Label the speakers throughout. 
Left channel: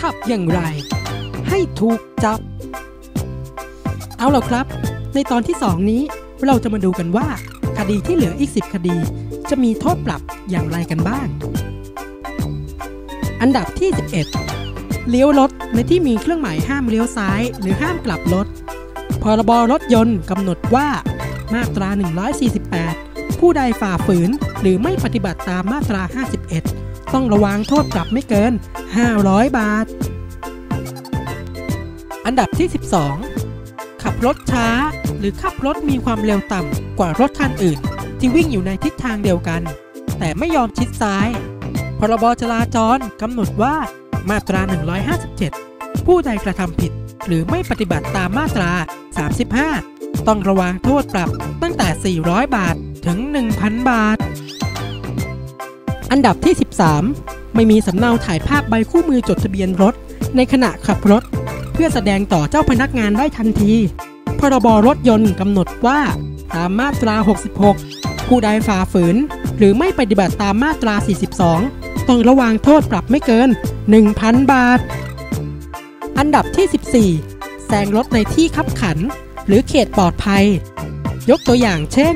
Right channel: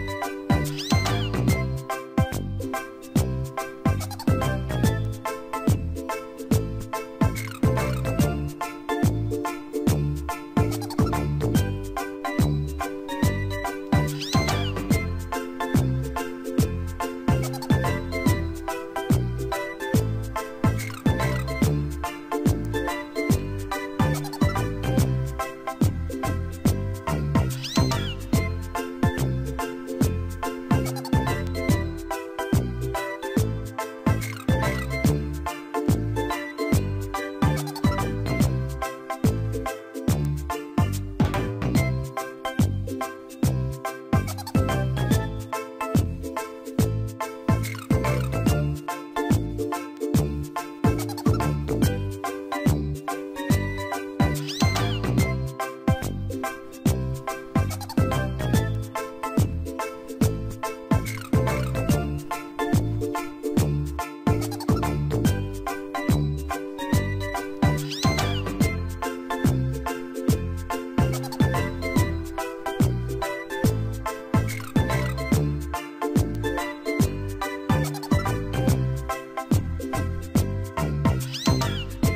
Speaker 1: ขับอย่างไร ให้ถูกจับ เอาล่ะครับ ในตอนที่ 2 นี้เราจะมาดูกันว่า คดีที่เหลืออีก 10 คดี จะมีโทษปรับอย่างไรกันบ้าง อันดับที่ 11 เลี้ยวรถในที่มีเครื่องหมายห้ามเลี้ยวซ้าย หรือห้ามกลับรถ พรบรถยนต์กำหนดว่า มาตรา 148 ผู้ใดฝ่าฝืนหรือไม่ปฏิบัติตามมาตรา 51 ต้องระวังโทษปรับไม่เกิน 500 บาท อันดับที่ 12 ขับรถช้า หรือขับรถมีความเร็วต่ำกว่ารถคันอื่น ที่วิ่งอยู่ในทิศทางเดียวกัน แต่ไม่ยอมชิดซ้าย พรบจราจรกำหนดว่ามาตรา 157 ผู้ใดกระทำผิด หรือไม่ปฏิบัติตามมาตรา 35 ต้องระวังโทษปรับตั้งแต่ 400 บาทถึง 1,000 บาท อันดับที่ 13 ไม่มีสำเนาถ่ายภาพใบคู่มือจดทะเบียนรถ ในขณะขับรถ เพื่อแสดงต่อเจ้าพนักงานได้ทันทีพรบรถยนต์กำหนดว่าตามมาตรา 66 ผู้ใดฝ่าฝืน หรือไม่ปฏิบัติตามมาตรา 42 ต้องระวังโทษปรับไม่เกิน 1,000 บาท นดับที่ 14 แซงรถในที่คับขัน หรือเขตปลอดภัย ยกตัวอย่างเช่น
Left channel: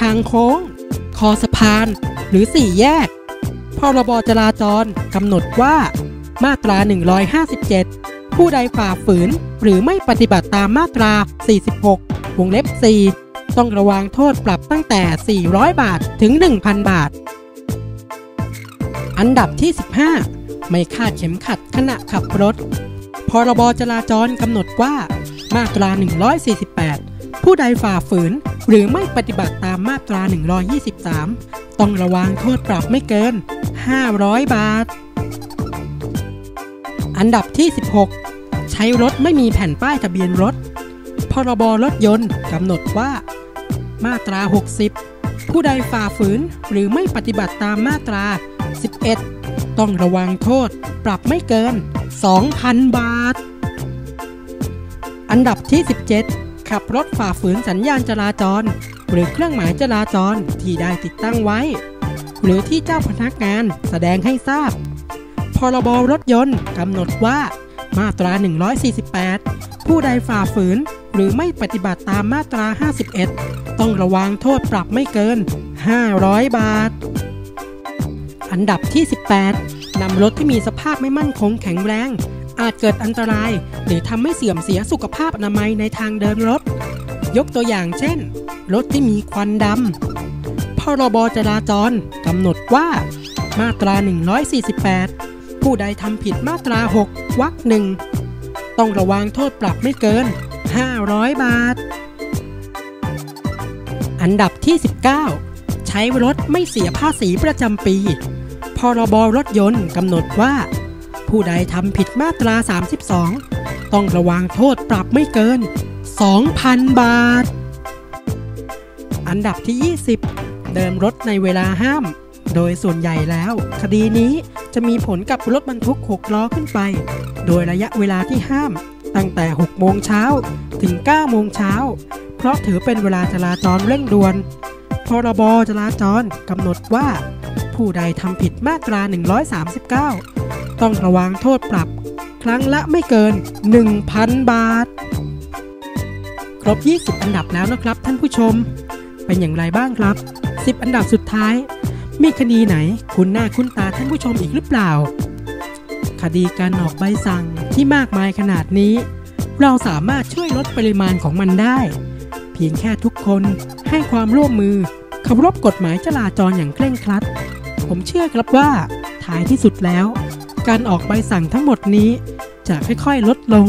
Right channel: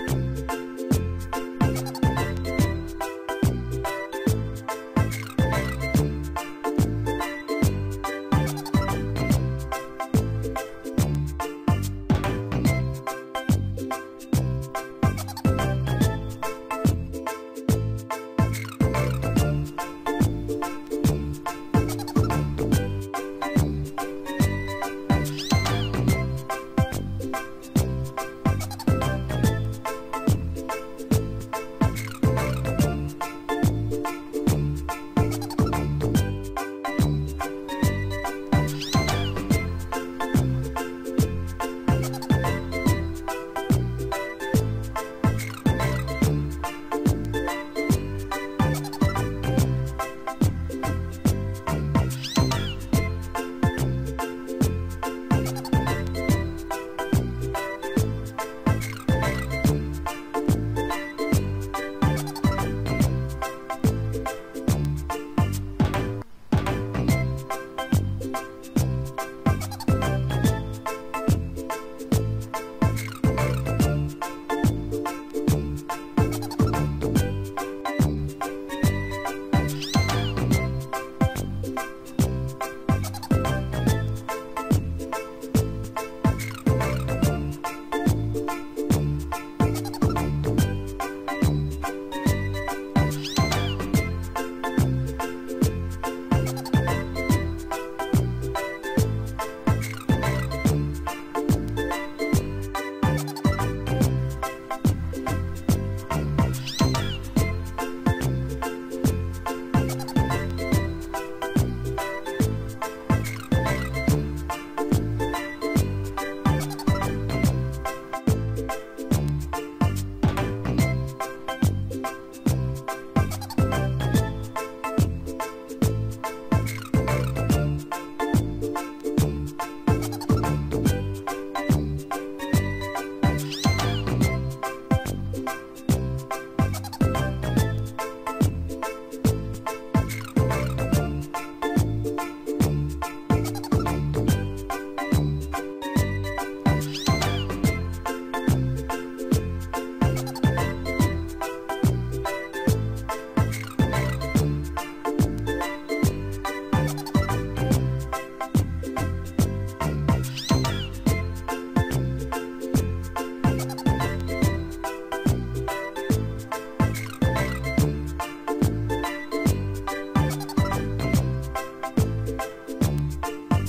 Speaker 1: ทางโค้ง คอสะพาน หรือสี่แยก พรบจราจรกำหนดว่า มาตรา 157 ผู้ใดฝ่าฝืน หรือไม่ปฏิบัติตามมาตรา 46 วงเล็บ 4 ต้องระวังโทษปรับตั้งแต่ 400 บาทถึง 1,000 บาท อันดับที่ 15ไม่คาดเข็มขัดขณะขับรถ พรบจราจรกำหนดว่า มาตรา 148 ผู้ใดฝ่าฝืน หรือไม่ปฏิบัติตามมาตรา 123 ต้องระวังโทษปรับไม่เกิน 500 บาท อันดับที่ 16 ใช้รถไม่มีแผ่นป้ายทะเบียนรถ พรบรถยนต์กำหนดว่า มาตรา 60 ผู้ใดฝ่าฝืน หรือไม่ปฏิบัติตามมาตรา 11 ต้องระวังโทษ ปรับไม่เกิน 2,000 บาท อันดับที่ 17 ขับรถฝ่าฝืนสัญญาณจราจร หรือเครื่องหมายจราจรที่ได้ติดตั้งไว้ หรือที่เจ้าพนักงานแสดงให้ทราบ พรบรถยนต์กำหนดว่ามาตรา 148 ผู้ใดฝ่าฝืนหรือไม่ปฏิบัติตามมาตรา 51 ต้องระวังโทษปรับไม่เกิน 500 บาท อันดับที่ 18 รถที่มีสภาพไม่มั่นคงแข็งแรง อาจเกิดอันตราย หรือทำให้เสื่อมเสียสุขภาพอนามัยในทางเดินรถ ยกตัวอย่างเช่น รถที่มีควันดำพรบจราจรกำหนดว่า มาตรา 148 ผู้ใดทำผิดมาตรา 6วรรคหนึ่งต้องระวังโทษปรับไม่เกิน 500 บาท อันดับที่ 19 ใช้รถไม่เสียภาษีประจำปี พรบรถยนต์กำหนดว่า ผู้ใดทำผิดมาตรา 32 ต้องระวังโทษปรับไม่เกิน 2,000 บาท อันดับที่ 20 เดินรถในเวลาห้าม โดยส่วนใหญ่แล้ว คดีนี้จะมีผลกับรถบรรทุก 6 ล้อขึ้นไป โดยระยะเวลาที่ห้าม ตั้งแต่ 6 โมงเช้าถึง 9 โมงเช้า เพราะถือเป็นเวลาจราจรเร่งด่วนพรบจราจรกำหนดว่า ผู้ใดทำผิดมาตรา 139 ต้องระวังโทษปรับ ครั้งละไม่เกิน 1,000 บาท ครบ 20 อันดับแล้วนะครับท่านผู้ชม เป็นอย่างไรบ้างครับ 10 อันดับสุดท้าย มีคดีไหนคุณหน้าคุณตาท่านผู้ชมอีกหรือเปล่า คดีการออกใบสั่งที่มากมายขนาดนี้ เราสามารถช่วยลดปริมาณของมันได้ เพียงแค่ทุกคนให้ความร่วมมือเคารพกฎหมายจราจรอย่างเคร่งครัด ผมเชื่อครับว่าท้ายที่สุดแล้ว การออกใบสั่งทั้งหมดนี้ จะค่อยๆลดลง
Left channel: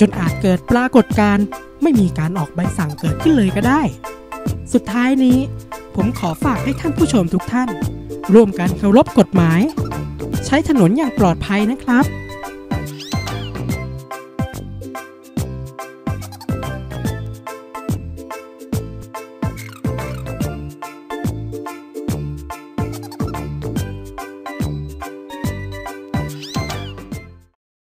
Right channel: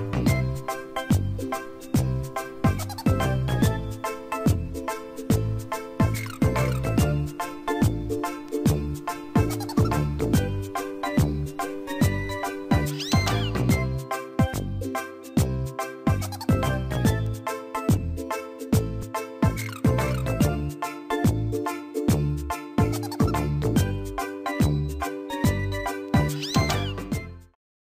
Speaker 1: จนอาจเกิดปรากฏการณ์ไม่มีการออกใบสั่งเกิดขึ้นเลยก็ได้ สุดท้ายนี้ ผมขอฝากให้ท่านผู้ชมทุกท่าน ร่วมกันเคารพกฎหมาย ใช้ถนนอย่างปลอดภัยนะครับ